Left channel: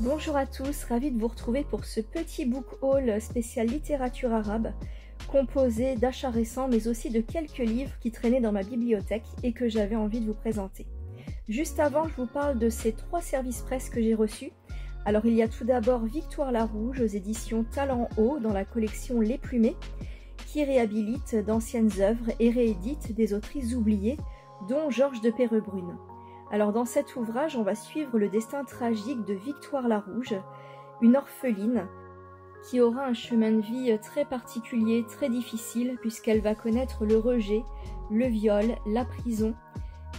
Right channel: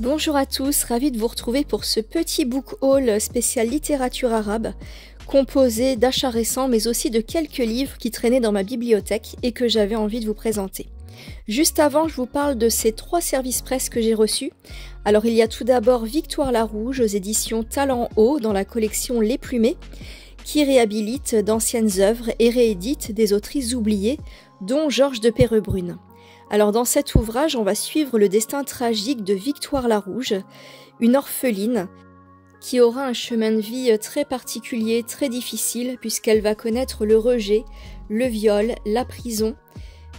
Bonjour à tous, ravie de vous retrouver pour ce petit book haul spécial littérature arabe, composé d'achats récents mais aussi de quelques livres qui traînaient dans ma bibliothèque et que j'avais envie de vous présenter. Juste avant, je vous parle de ces 3 services presse que j'ai reçus. Alors il y a tout d'abord Victoire Larouge aux éditions Talent Haut dans la collection Les Plumés, qui réhabilite d'anciennes œuvres et réédite des autrices oubliées, dont Georges de Perrebrune. Alors dans cet ouvrage, on va suivre le destin tragique de Victoire Larouge, une orpheline qui aura un chemin de vie très particulier, très difficile, puisqu'elle va connaître le rejet, le viol, la prison.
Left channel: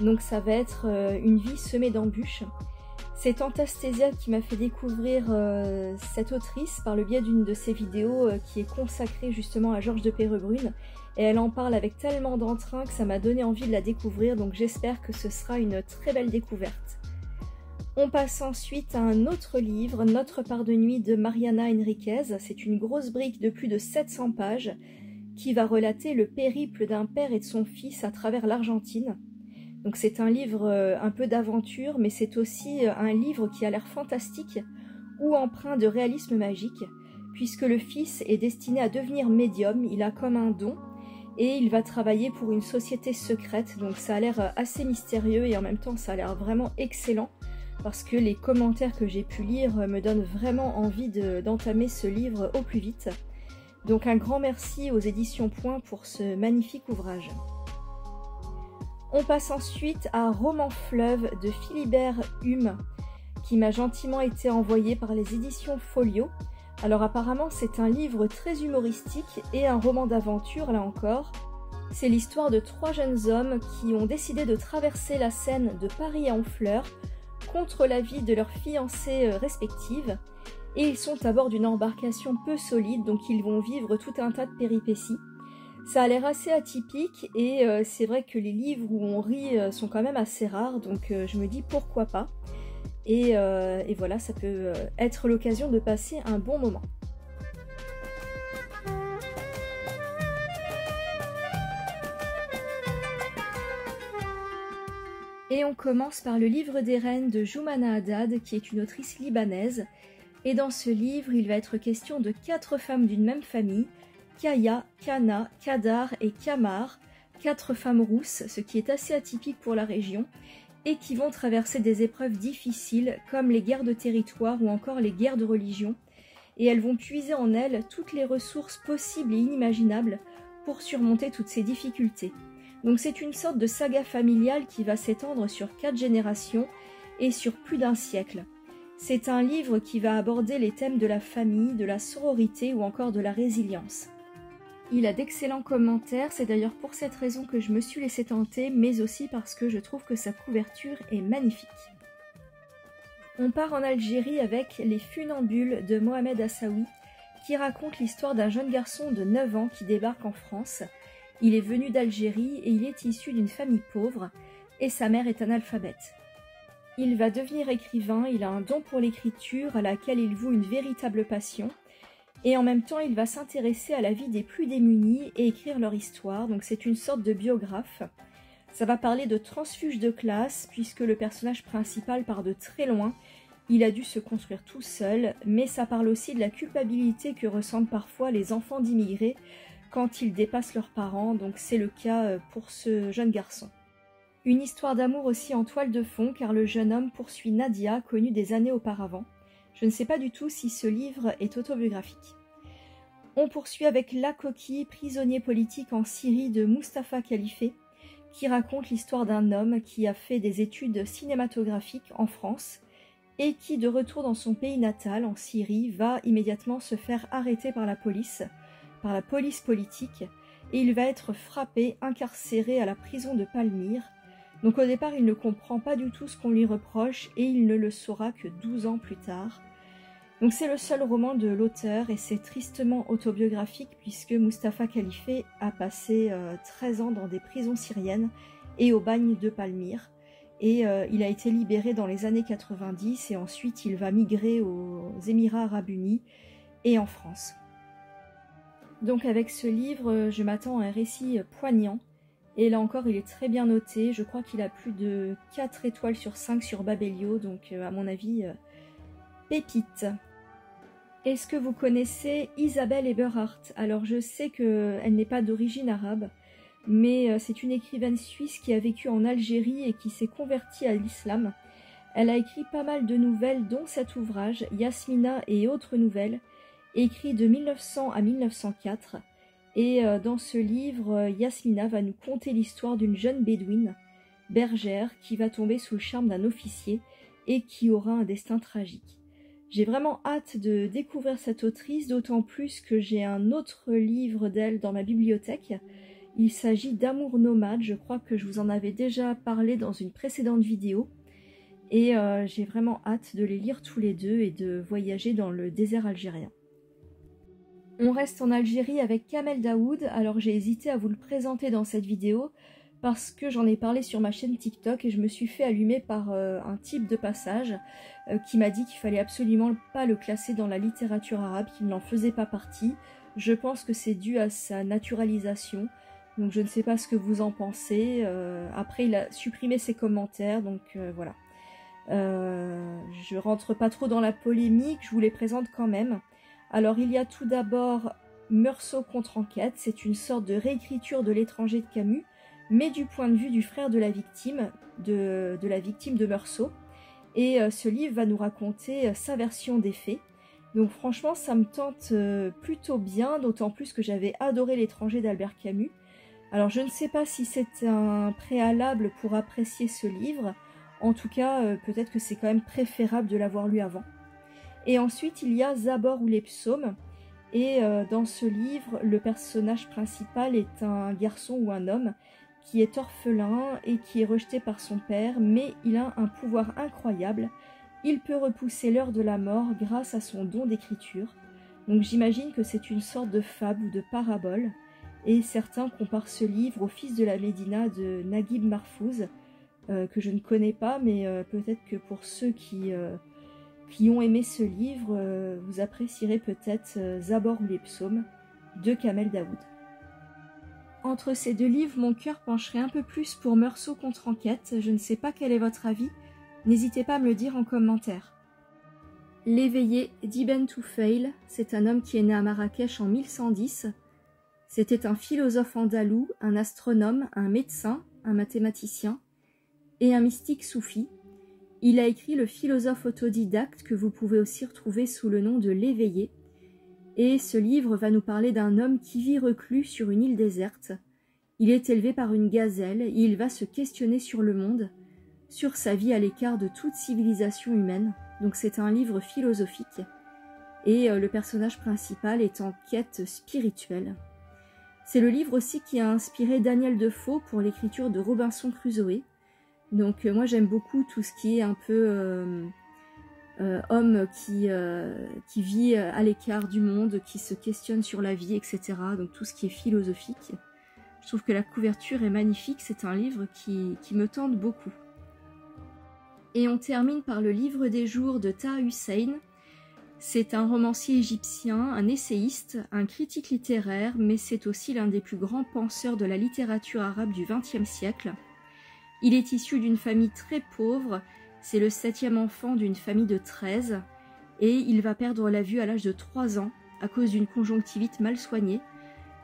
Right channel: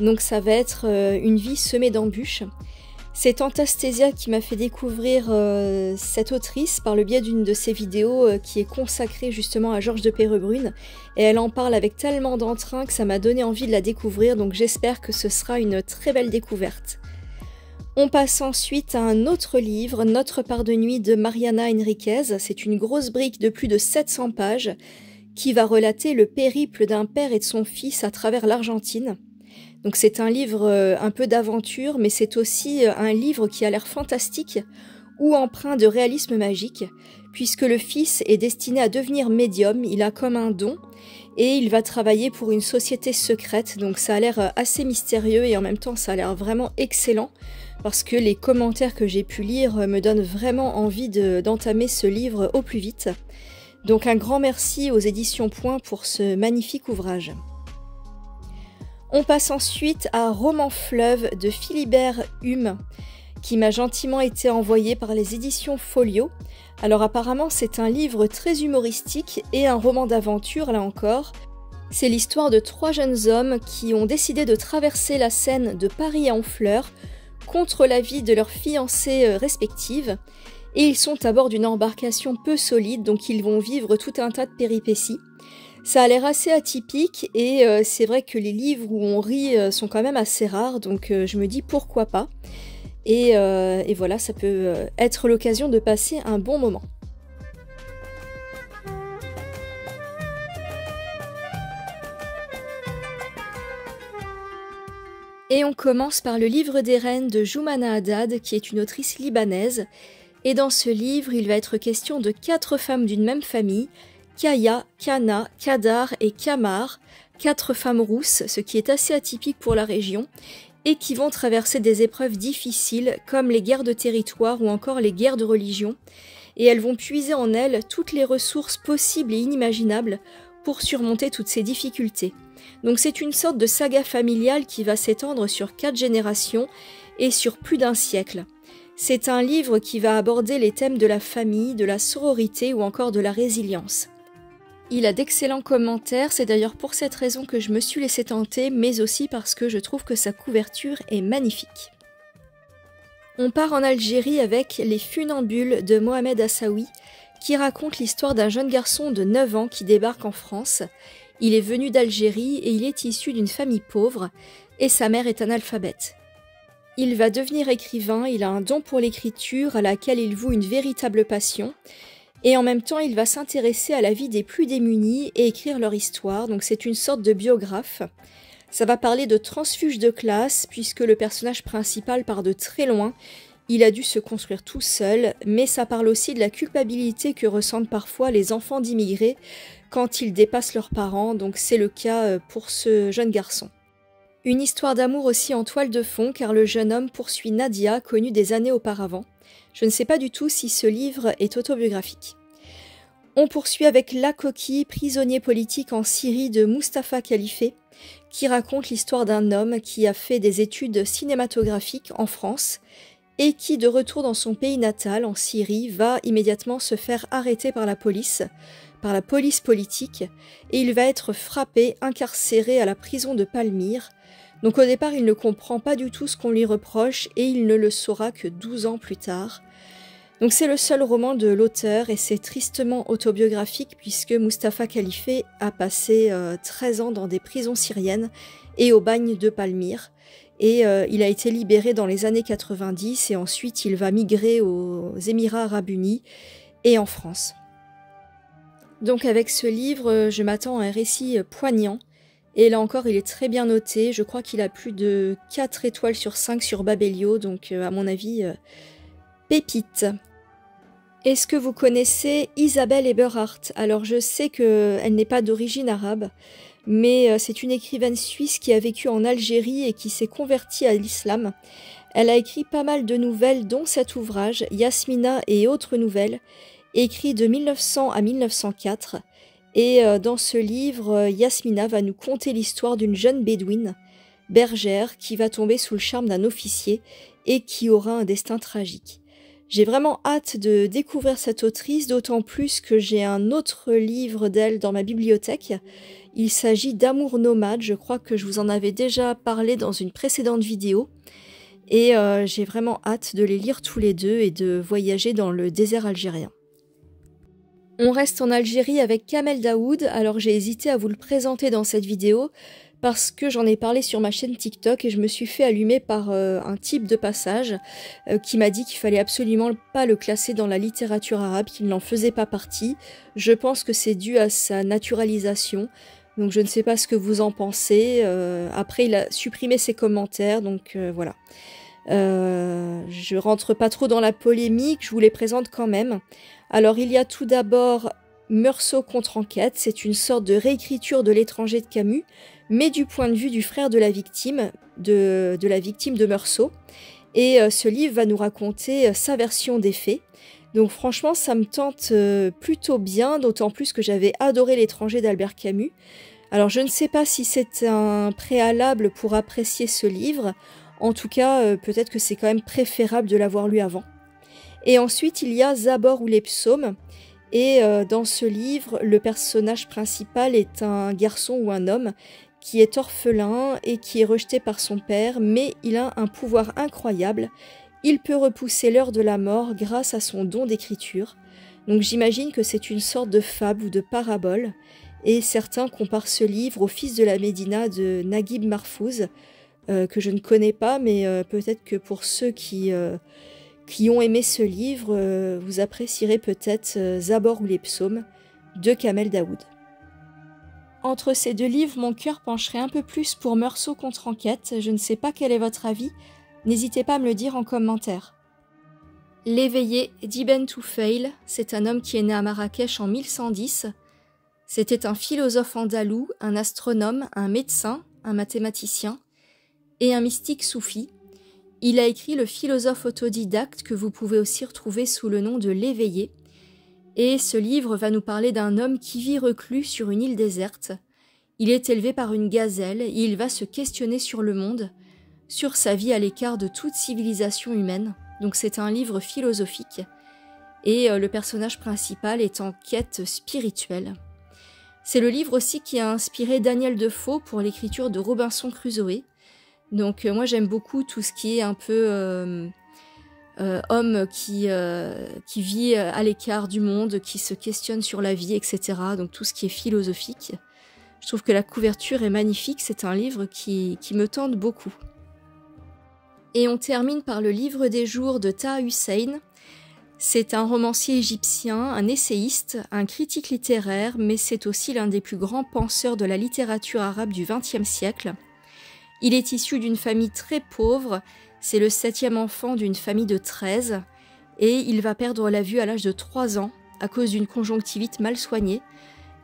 Donc ça va être une vie semée d'embûches. C'est Antastésia qui m'a fait découvrir cette autrice par le biais d'une de ses vidéos qui est consacrée justement à Georges de Perrebrune. Et elle en parle avec tellement d'entrain que ça m'a donné envie de la découvrir, donc j'espère que ce sera une très belle découverte. On passe ensuite à un autre livre, Notre part de nuit de Mariana Enriquez. C'est une grosse brique de plus de 700 pages qui va relater le périple d'un père et de son fils à travers l'Argentine. Donc c'est un livre un peu d'aventure, mais c'est aussi un livre qui a l'air fantastique ou empreint de réalisme magique, puisque le fils est destiné à devenir médium, il a comme un don, et il va travailler pour une société secrète, donc ça a l'air assez mystérieux et en même temps ça a l'air vraiment excellent, parce que les commentaires que j'ai pu lire me donnent vraiment envie d'entamer ce livre au plus vite. Donc un grand merci aux éditions Point pour ce magnifique ouvrage. On passe ensuite à Roman Fleuve de Philibert Hume, qui m'a gentiment été envoyé par les éditions Folio. Alors apparemment c'est un livre très humoristique et un roman d'aventure là encore. C'est l'histoire de 3 jeunes hommes qui ont décidé de traverser la Seine de Paris à Honfleur contre l'avis de leurs fiancées respectives. Et ils sont à bord d'une embarcation peu solide, donc ils vont vivre tout un tas de péripéties. Ça a l'air assez atypique et c'est vrai que les livres où on rit sont quand même assez rares, donc je me dis pourquoi pas. Et voilà, ça peut être l'occasion de passer un bon moment. Et on commence par le livre des reines de Joumana Haddad, qui est une autrice libanaise. Et dans ce livre, il va être question de 4 femmes d'une même famille, Kaya, Kana, Kadar et Kamar, 4 femmes rousses, ce qui est assez atypique pour la région, et qui vont traverser des épreuves difficiles comme les guerres de territoire ou encore les guerres de religion, et elles vont puiser en elles toutes les ressources possibles et inimaginables pour surmonter toutes ces difficultés. Donc c'est une sorte de saga familiale qui va s'étendre sur 4 générations et sur plus d'1 siècle. C'est un livre qui va aborder les thèmes de la famille, de la sororité ou encore de la résilience. Il a d'excellents commentaires, c'est d'ailleurs pour cette raison que je me suis laissée tenter, mais aussi parce que je trouve que sa couverture est magnifique. On part en Algérie avec Les Funambules de Mohamed Assaoui, qui raconte l'histoire d'un jeune garçon de 9 ans qui débarque en France. Il est venu d'Algérie et il est issu d'une famille pauvre, et sa mère est analphabète. Il va devenir écrivain, il a un don pour l'écriture à laquelle il voue une véritable passion, et en même temps il va s'intéresser à la vie des plus démunis et écrire leur histoire, donc c'est une sorte de biographe. Ça va parler de transfuge de classe, puisque le personnage principal part de très loin, il a dû se construire tout seul, mais ça parle aussi de la culpabilité que ressentent parfois les enfants d'immigrés quand ils dépassent leurs parents, donc c'est le cas pour ce jeune garçon. Une histoire d'amour aussi en toile de fond, car le jeune homme poursuit Nadia, connue des années auparavant. Je ne sais pas du tout si ce livre est autobiographique. On poursuit avec La Coquille, prisonnier politique en Syrie de Mustapha Khalifé, qui raconte l'histoire d'un homme qui a fait des études cinématographiques en France et qui, de retour dans son pays natal, en Syrie, va immédiatement se faire arrêter par la police politique, et il va être frappé, incarcéré à la prison de Palmyre. Donc au départ, il ne comprend pas du tout ce qu'on lui reproche et il ne le saura que 12 ans plus tard. Donc c'est le seul roman de l'auteur et c'est tristement autobiographique puisque Mustapha Khalife a passé 13 ans dans des prisons syriennes et au bagne de Palmyre. Et il a été libéré dans les années 90 et ensuite il va migrer aux Émirats Arabes Unis et en France. Donc avec ce livre, je m'attends à un récit poignant. Et là encore, il est très bien noté. Je crois qu'il a plus de 4 étoiles sur 5 sur Babelio. Donc à mon avis, pépite. Est-ce que vous connaissez Isabelle Eberhardt? Alors je sais qu'elle n'est pas d'origine arabe, mais c'est une écrivaine suisse qui a vécu en Algérie et qui s'est convertie à l'islam. Elle a écrit pas mal de nouvelles, dont cet ouvrage, Yasmina et autres nouvelles, écrit de 1900 à 1904. Et dans ce livre, Yasmina va nous conter l'histoire d'une jeune bédouine, bergère, qui va tomber sous le charme d'un officier et qui aura un destin tragique. J'ai vraiment hâte de découvrir cette autrice, d'autant plus que j'ai un autre livre d'elle dans ma bibliothèque. Il s'agit d'Amour nomade, je crois que je vous en avais déjà parlé dans une précédente vidéo. Et j'ai vraiment hâte de les lire tous les deux et de voyager dans le désert algérien. On reste en Algérie avec Kamel Daoud, alors j'ai hésité à vous le présenter dans cette vidéo parce que j'en ai parlé sur ma chaîne TikTok et je me suis fait allumer par un type de passage qui m'a dit qu'il fallait absolument pas le classer dans la littérature arabe, qu'il n'en faisait pas partie. Je pense que c'est dû à sa naturalisation, donc je ne sais pas ce que vous en pensez. Après il a supprimé ses commentaires, donc voilà. Je rentre pas trop dans la polémique, je vous les présente quand même. Alors il y a tout d'abord Meursault contre enquête, c'est une sorte de réécriture de L'étranger de Camus, mais du point de vue du frère de la victime, de Meursault. Et ce livre va nous raconter sa version des faits. Donc franchement, ça me tente plutôt bien, d'autant plus que j'avais adoré L'étranger d'Albert Camus. Alors je ne sais pas si c'est un préalable pour apprécier ce livre. En tout cas, peut-être que c'est quand même préférable de l'avoir lu avant. Et ensuite, il y a Zabor ou les psaumes. Et dans ce livre, le personnage principal est un garçon ou un homme qui est orphelin et qui est rejeté par son père, mais il a un pouvoir incroyable. Il peut repousser l'heure de la mort grâce à son don d'écriture. Donc j'imagine que c'est une sorte de fable ou de parabole. Et certains comparent ce livre au Fils de la Médina de Naguib Mahfouz, que je ne connais pas, mais peut-être que pour ceux qui ont aimé ce livre, vous apprécierez peut-être Zabor ou les psaumes de Kamel Daoud. Entre ces deux livres, mon cœur pencherait un peu plus pour Meursault contre enquête. Je ne sais pas quel est votre avis, n'hésitez pas à me le dire en commentaire. L'éveillé d'Ibn Toufail, c'est un homme qui est né à Marrakech en 1110. C'était un philosophe andalou, un astronome, un médecin, un mathématicien et un mystique soufi. Il a écrit le philosophe autodidacte que vous pouvez aussi retrouver sous le nom de L'Éveillé. Et ce livre va nous parler d'un homme qui vit reclus sur une île déserte. Il est élevé par une gazelle et il va se questionner sur le monde, sur sa vie à l'écart de toute civilisation humaine. Donc c'est un livre philosophique. Et le personnage principal est en quête spirituelle. C'est le livre aussi qui a inspiré Daniel Defoe pour l'écriture de Robinson Crusoe. Donc moi j'aime beaucoup tout ce qui est un peu homme qui vit à l'écart du monde, qui se questionne sur la vie, etc. Donc tout ce qui est philosophique. Je trouve que la couverture est magnifique, c'est un livre qui me tente beaucoup. Et on termine par le livre des jours de Taha Hussein. C'est un romancier égyptien, un essayiste, un critique littéraire, mais c'est aussi l'un des plus grands penseurs de la littérature arabe du XXe siècle. Il est issu d'une famille très pauvre, c'est le 7e enfant d'une famille de 13, et il va perdre la vue à l'âge de 3 ans à cause d'une conjonctivite mal soignée,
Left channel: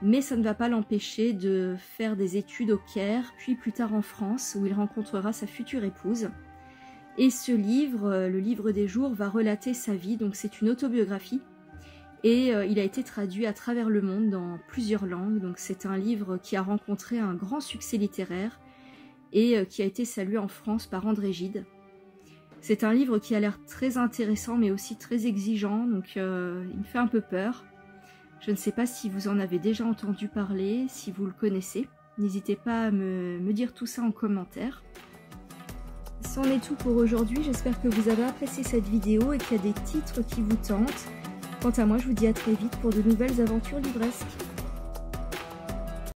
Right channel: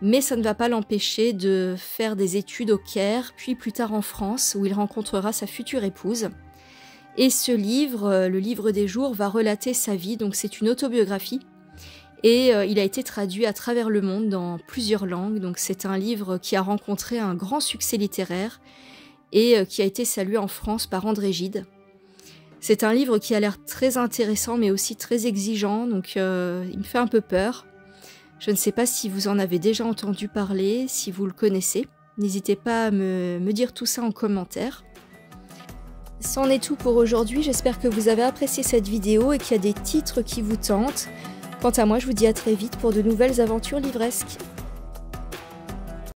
mais ça ne va pas l'empêcher de faire des études au Caire, puis plus tard en France, où il rencontrera sa future épouse. Et ce livre, le livre des jours, va relater sa vie, donc c'est une autobiographie, et il a été traduit à travers le monde dans plusieurs langues, donc c'est un livre qui a rencontré un grand succès littéraire, et qui a été salué en France par André Gide. C'est un livre qui a l'air très intéressant mais aussi très exigeant, donc il me fait un peu peur. Je ne sais pas si vous en avez déjà entendu parler, si vous le connaissez. N'hésitez pas à me dire tout ça en commentaire. C'en est tout pour aujourd'hui, j'espère que vous avez apprécié cette vidéo et qu'il y a des titres qui vous tentent. Quant à moi, je vous dis à très vite pour de nouvelles aventures livresques.